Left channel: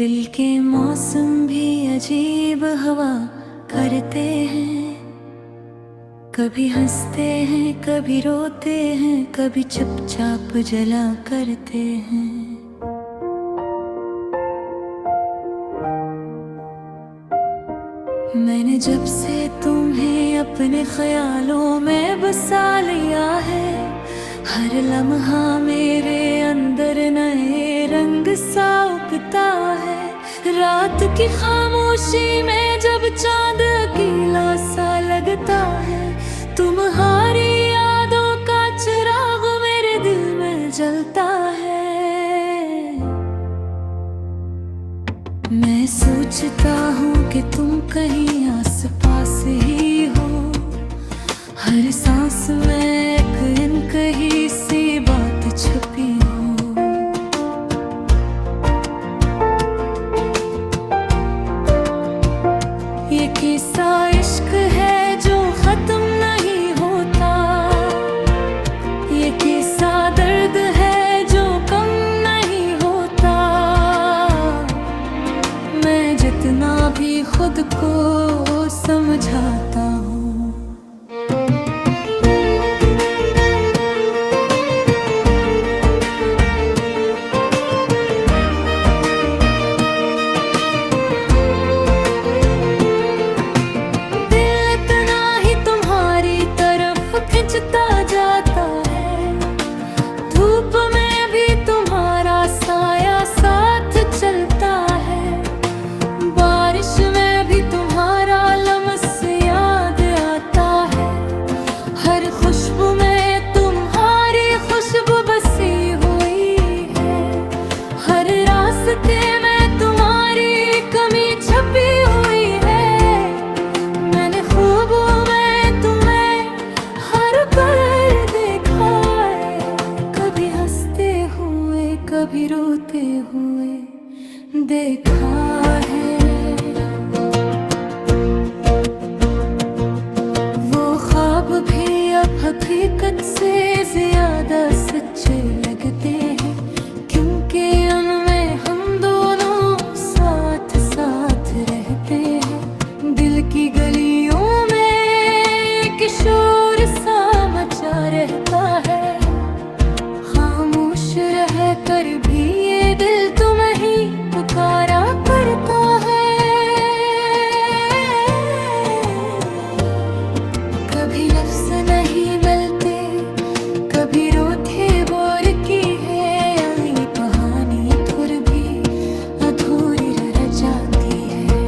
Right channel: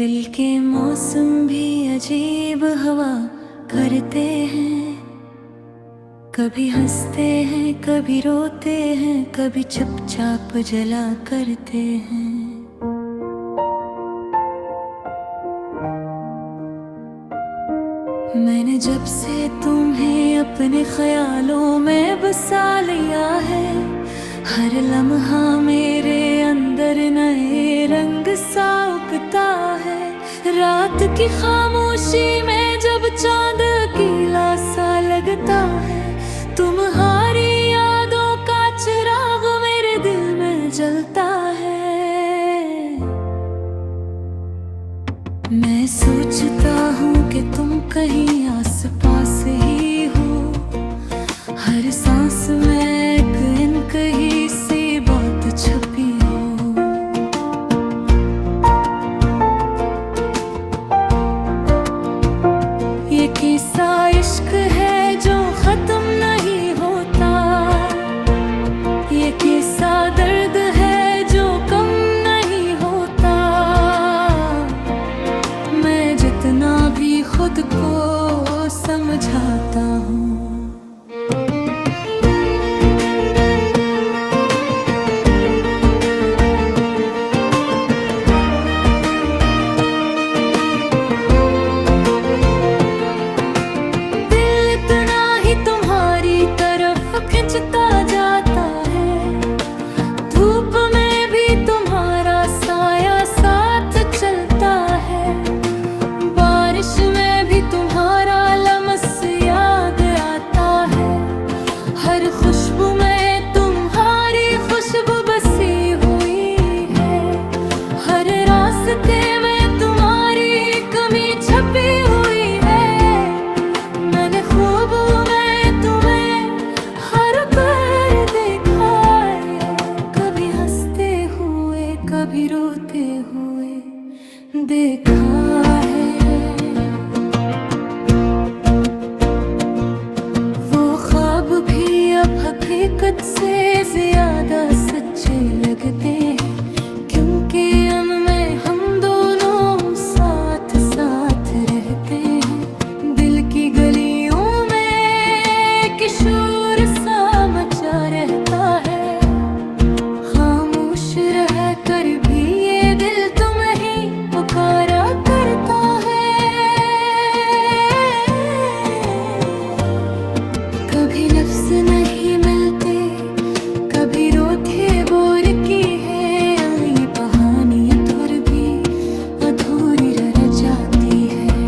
दिल के मौसम भी अजीब हवा करते हैं, कभी हंसते हैं कभी रोते हैं, कभी चुपचाप जला करते हैं। मैंने जब से तुम्हें अपने ख्यालों में बसा लिया है, हर लम्हा मेरे अंदर नए रंग सा उगता है। रात की खामोशी में जब चांद अकेला सा लगता है, तुम्हारी यादों का चिराग मेरे दिल में जलता है। मैं सोचता हूँ कि तुम कहीं आस पास ही हो, हर सांस में एक अनकही सी बात छुपी हो। ये किस्सा इश्क है जो खत्म नहीं होता, ये किस्सा दर्द है जो कम नहीं होता। मैं जितना भी खुद को समझाता हूँ, खिंचता जाता है। धूप में भी तुम्हारा साया साथ चलता है, बारिश में भी तुम्हारा लम्स याद आता है। हर खुशबू में तुम्हारी खुशबू बसी हुई है, हर रास्ते में तुम्हारी कमी छपी हुई है। मैंने खूबों में कभी रोते हुए देखा है। वो ख्वाब भी अब हकीकत से ज्यादा सच्चे लगते हैं, क्योंकि उनमें हम दोनों साथ साथ रहते हैं। दिल की गलियों में किशोर सा मचा रहता है, रह कर भी ये दिल तुम्हें ही पुकारा करता है। कभी लफ्ज़ नहीं मिलते, कभी रोते बोर की है ये कहानी, अधूर भी अधूरी रह जाती है।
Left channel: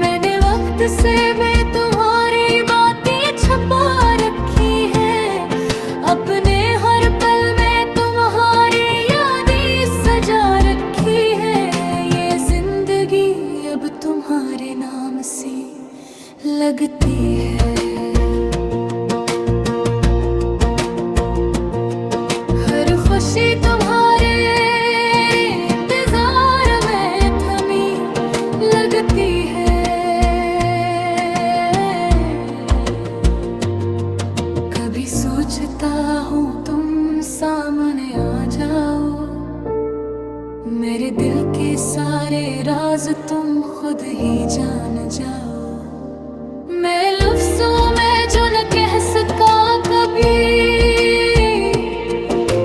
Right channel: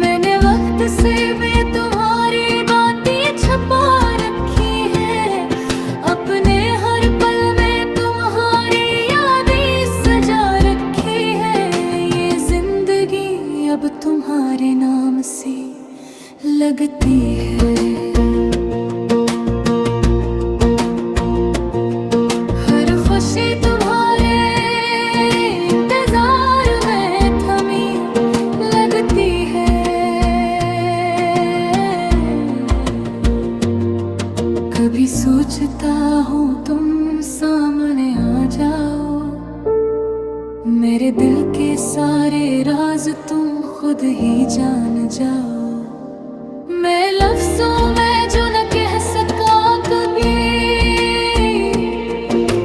मैंने वक्त से मैं तुम्हारी बातें छपा रखी है, अपने हर पल अब तुम्हारे नाम से लगती है। हर खुशी तुम्हारे इंतजार में थमी लगती है। कभी सोचता हूँ तुम सामने आ जाओ, मेरे दिल के सारे राज तुम खुद ही जान जाओ। मैं लफ्ज़ों में जो न कह सका कभी,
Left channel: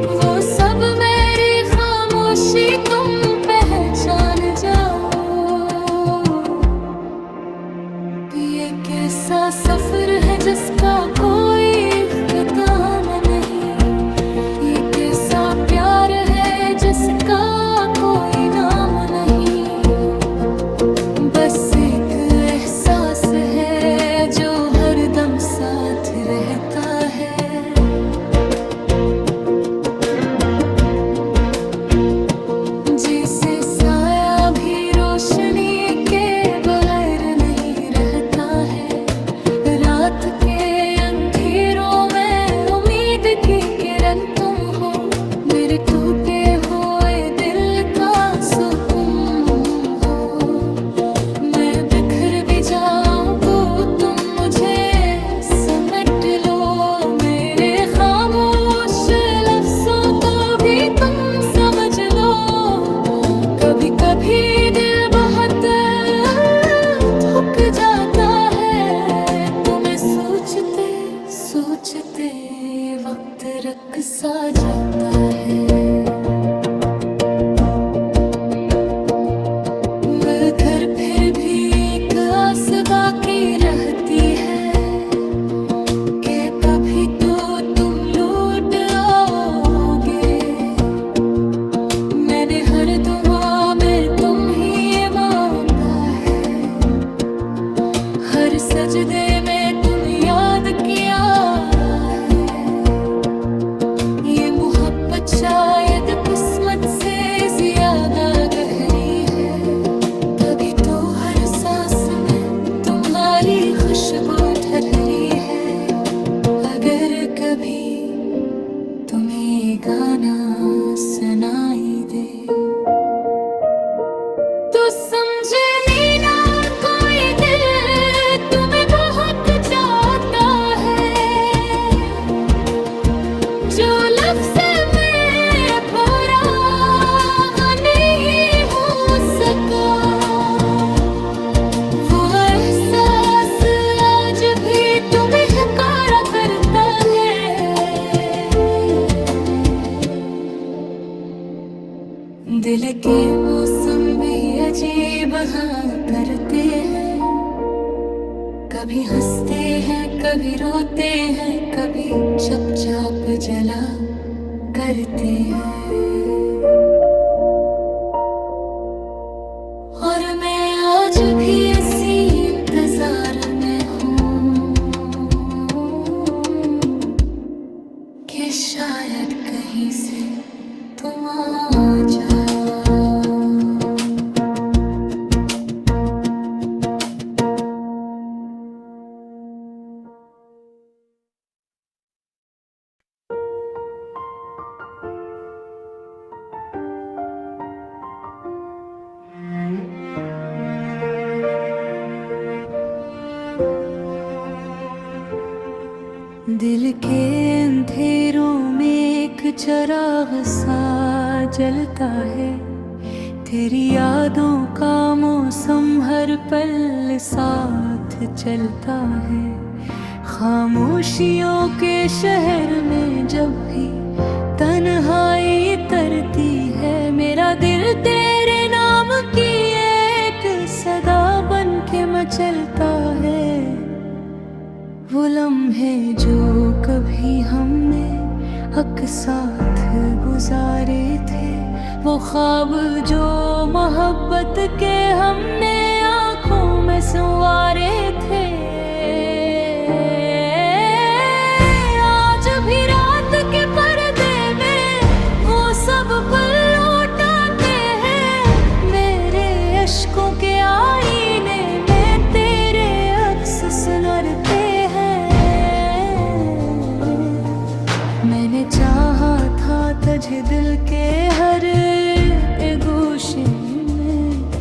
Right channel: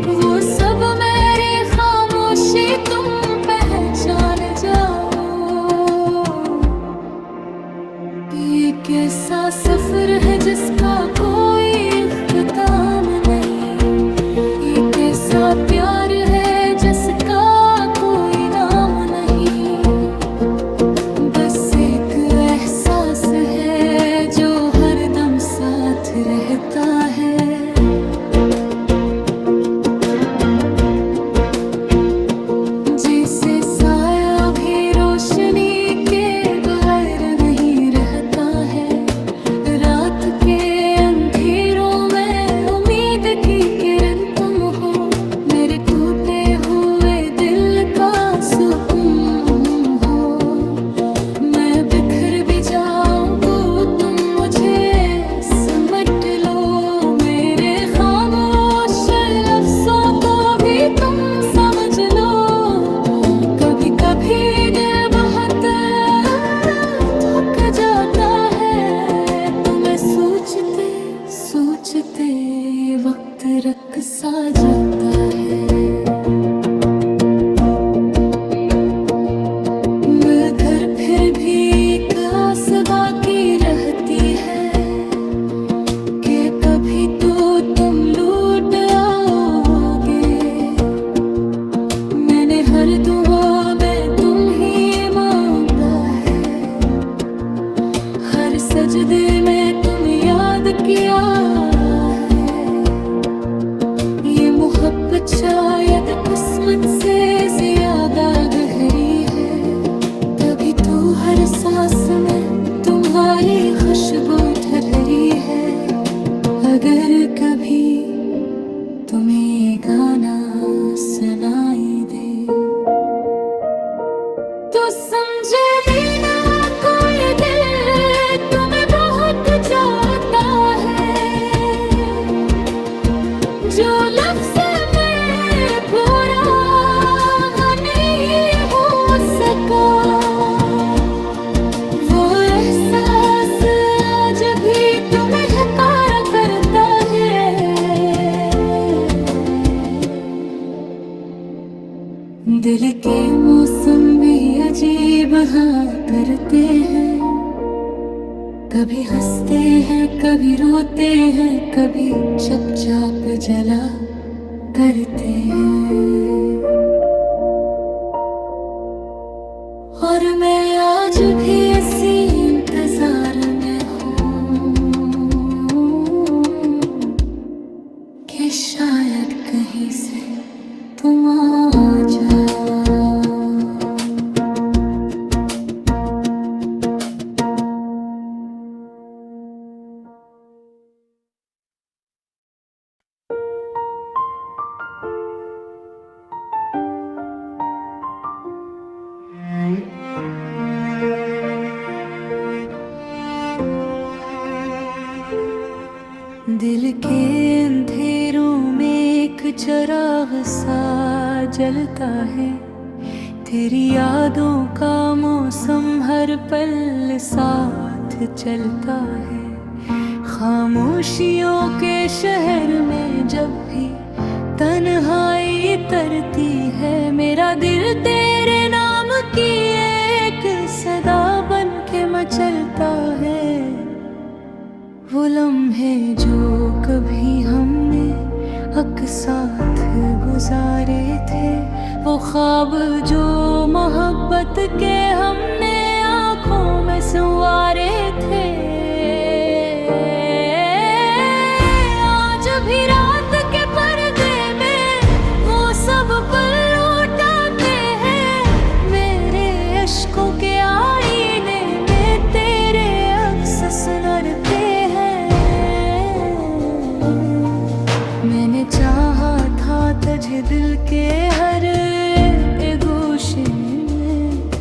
वो सब मेरी खामोशी तुम पहचान जाओ। ये कैसा सफर है जिसका कोई इख्तिताम नहीं, ये कैसा प्यार है जिसका कोई नाम नहीं। बस एक एहसास है जो हरदम साथ रहता है। जिसे साया भी रोशनी के बगैर नहीं रहता है। रात के अंधेरों में उम्मीद की किरण तुम हो, मेरे टूटे हुए दिल का सुकून हो। मैं बिखर भी जाऊं तो तुम मुझे समेट लो मेरे सोचते सोचते ये वक्त रख सा जाता है। मगर फिर भी एक आस बाकी रहती है कि कभी तो तुम लौट आओगे। मैंने हर दुआ में तुम ही मांगा है, हर सजदे में तुम याद किया है। ये मोहब्बत शायद किस्मत से ज्यादा गहरी है, तभी तो हर सांस में तुम्हारी खुशबू ठहरी है। अगर कभी तुम्हें गाना सुनाई दे तो समझ लेना कोई दिल तुम्हें बहुत जाता है। जो लफ्ज़ में पूरा नहीं हो सका, वो एहसास आज भी तुम्हें हकार करता है। दिल के मौसम भी अजीब हाँ करते हैं, कभी हंसते हैं कभी रोते हैं, कभी चुपचाप जला करते हैं। और मैं आज भी ऐसी इंतजार में हूँ कि शायद कहीं से तुम आ जाओ। दिल के अंधेरों में एक चिराग सा जलता है, तेरी यादों का मौसम हर पल साथ चलता है। खामोशियों के शहर में जब भी तन्हाई तरती है, मेरा दिल तेरे नाम की एक सदा बन के मचलता है। वो लम्हे जो कभी हमने हक साथ गुजारे थे, वो ख्वाब जो मोहब्बत के हमने आँखों में संवारे थे। आज भी रात के पर्दे में वो सब पल लौटाते हैं, मेरे अश्कों के आईने में तेरे अक्स सुनरते हैं। मैंने चाहा था तुझे दिल के हर एक गोशे में,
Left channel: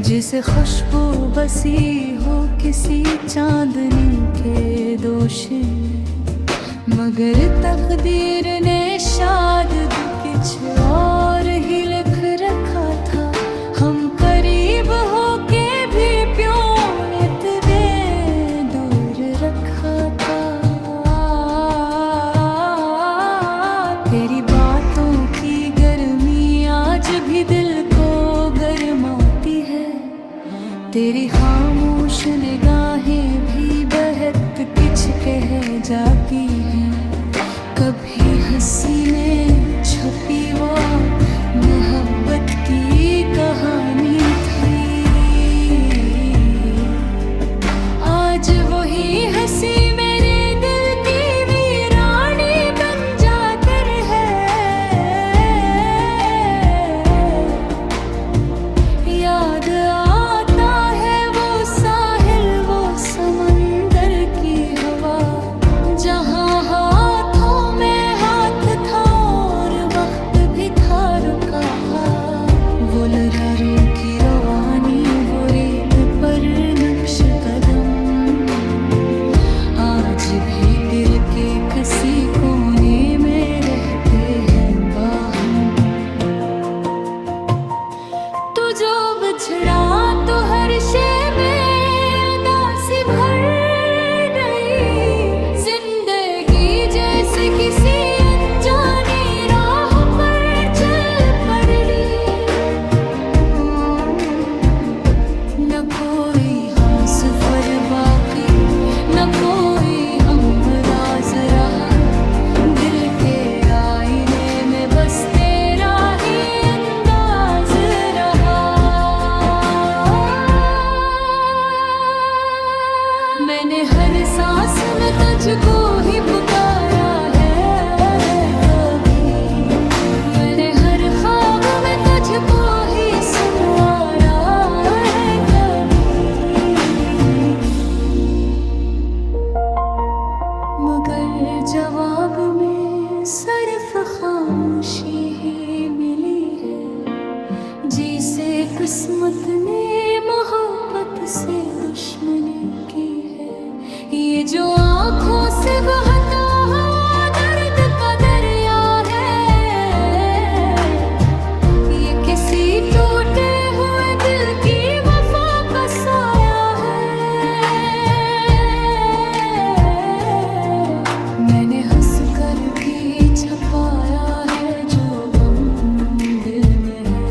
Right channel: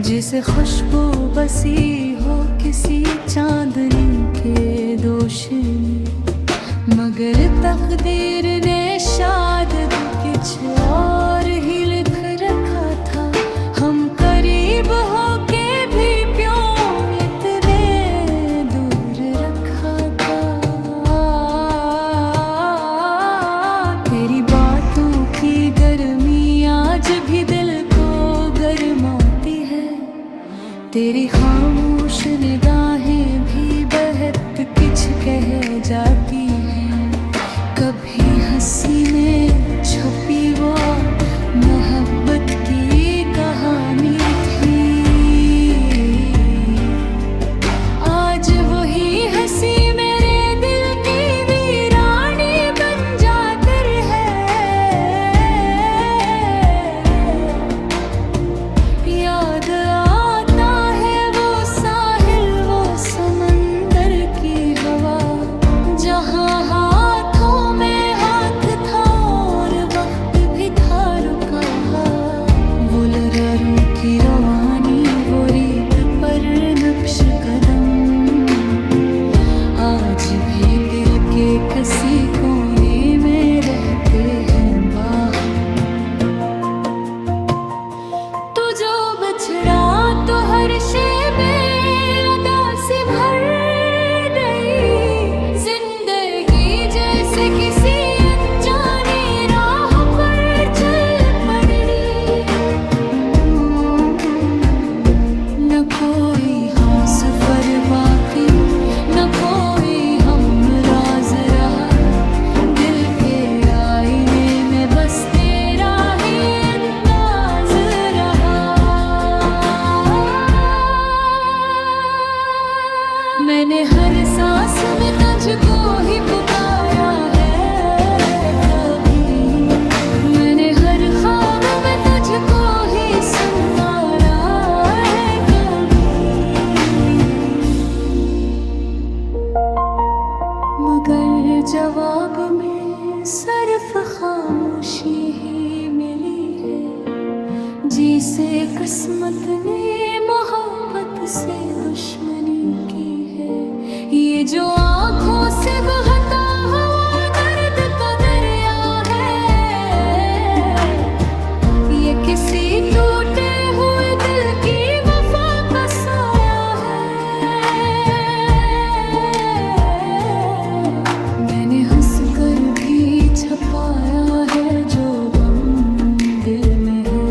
जिसे खुशबू बसी हो किसी चांदनी के दोषे में। मगर तकदीर ने शायद कुछ और ही लिख रखा था, हम करीब होके भी क्यों इतने दूर रखा था। तेरी बातों की गर्मी आज भी दिल को गरमाती है, तेरी खामोश निगाहें भी बहत कुछ कह जाती हैं। कभी हंसी में छुपी वो मोहब्बत की कहानी थी, आज वही हंसी मेरे दिल की वीरानी बन जाती है। याद आता है वो साहिल, वो समंदर की हवा, जहाँ हाथों में हाथ था और वक्त भी था रुका। वो लरारों की रवानी, वो रीत पर नक्श कदम, आज भी दिल के किसी कोने में रहते हैं बाहम। तू जो बिछड़ा तो हर शे में उदासी भर गई, सफर बाकी न कोई हम राज रहा, दिल के आईने में बस तेरा ही अंदाज रहा। मैंने हर सांस में तुझको ही पुकारा है कभी, मैंने हर ख्वाब में तुझको ही सुनवारा है कभी। मगर जवाब में सिर्फ खामोशी ही मिली है, जिसे किस्मत ने मोहब्बत से दुश्मनी की है। ये जो आंखों से बहता हुआ दर्द का दरिया है, ये किसी टूटे हुए दिल की वफा का साया है। मैंने हंस कर भी छपाया है जो गम दिल में है,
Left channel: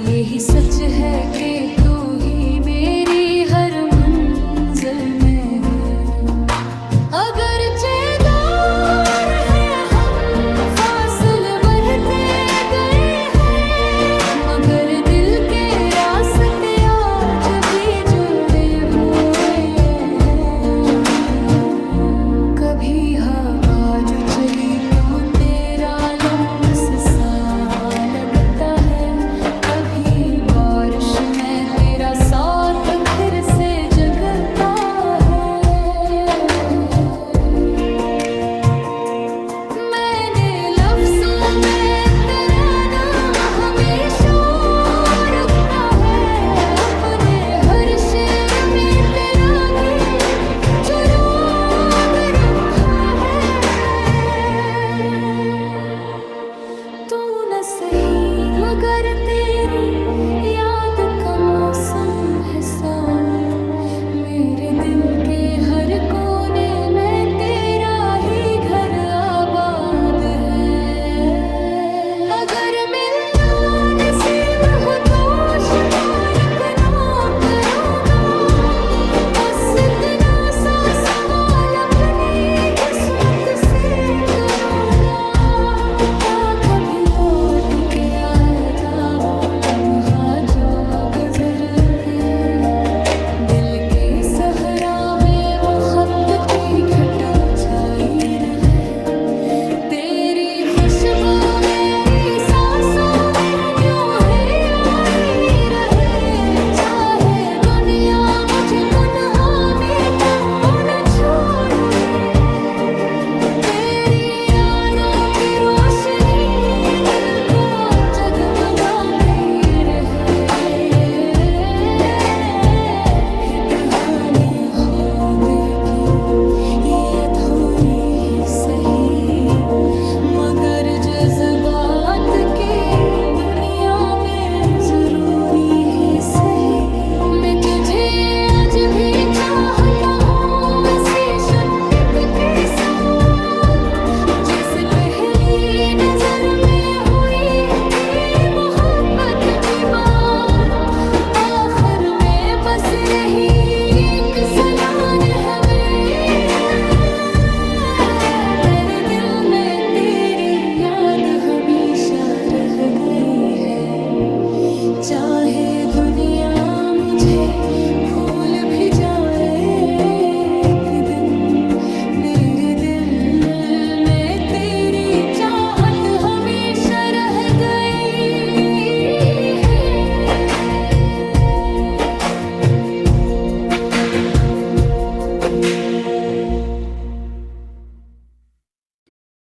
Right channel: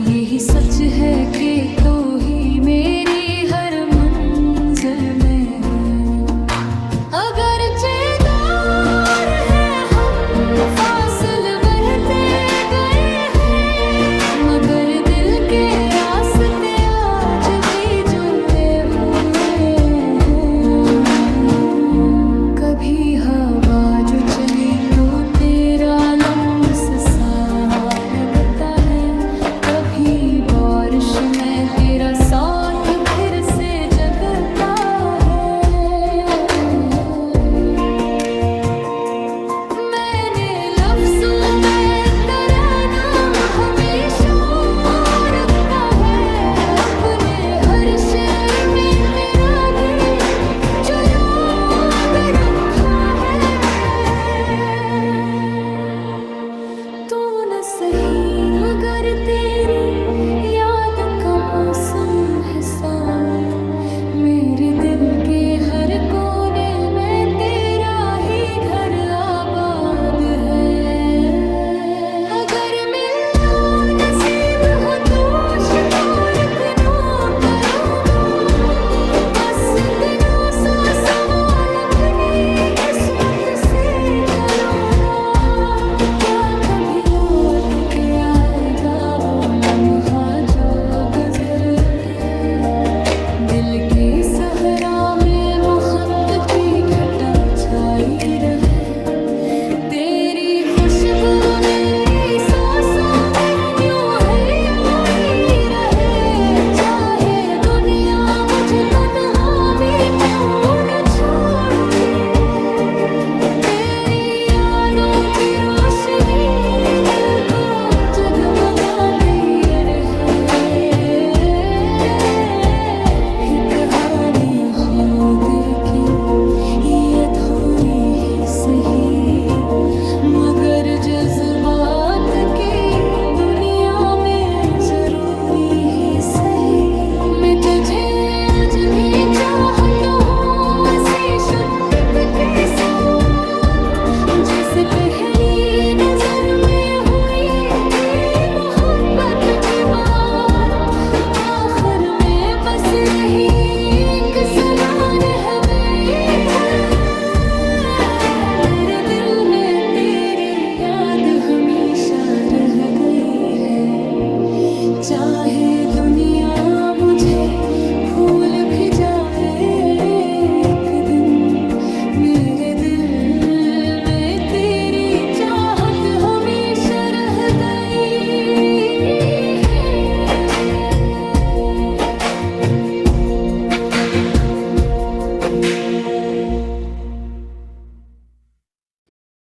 यही सच है कि तू ही मेरी हर मंजिल में है। अगर दूर है हम फासले बढ़ते गए हैं, मगर दिल के रास्ते आज भी जुड़े हुए हैं। कभी हवा जो चली तो तेरा लम्स सा लगता है, कभी बारिश में तेरा साथ फिर से जगता है। मैंने लफ्ज़ों में तेरा नाम हमेशा रखा है, अपने हर शेर में तेरा भी चुराग रखा है। तू न सही मगर तेरी याद का मौसम है साथ, मेरे दिल के हर कोने में तेरा ही घर आबाद है। अगर मिलना नसीब हो तो शिकायत ना करूँगा, बस इतना सा सवाल अपनी किस्मत से करूँगा। क्या कभी लौट के आएगा वो लम्हा जो गुज़र गए, दिल के सहरा में मोहब्बत की घटा छाई रहे। तेरी खुशबू मेरी सांसों में यूं है आई रहे, चाहे दुनिया मुझे तन्हा में क्यों न छोड़ दे। तेरी यादों की रोशनी दिल को जगमगाती रहे। कहानी हो दिल की ये अधूरी ही सही, मगर जज्बात की दुनिया में जरूरी ही सही। मैं तुझे आज भी चाहता हूँ ऐसी शिद्दत के साथ, जैसे पहली नजर में हुई थी मोहब्बत की बात। आखिर में बस रही एक सलान हमें है, मेरे दिल में तेरी याद हमेशा रह गई है। चाहे दुनिया मुझे भूल भी जाए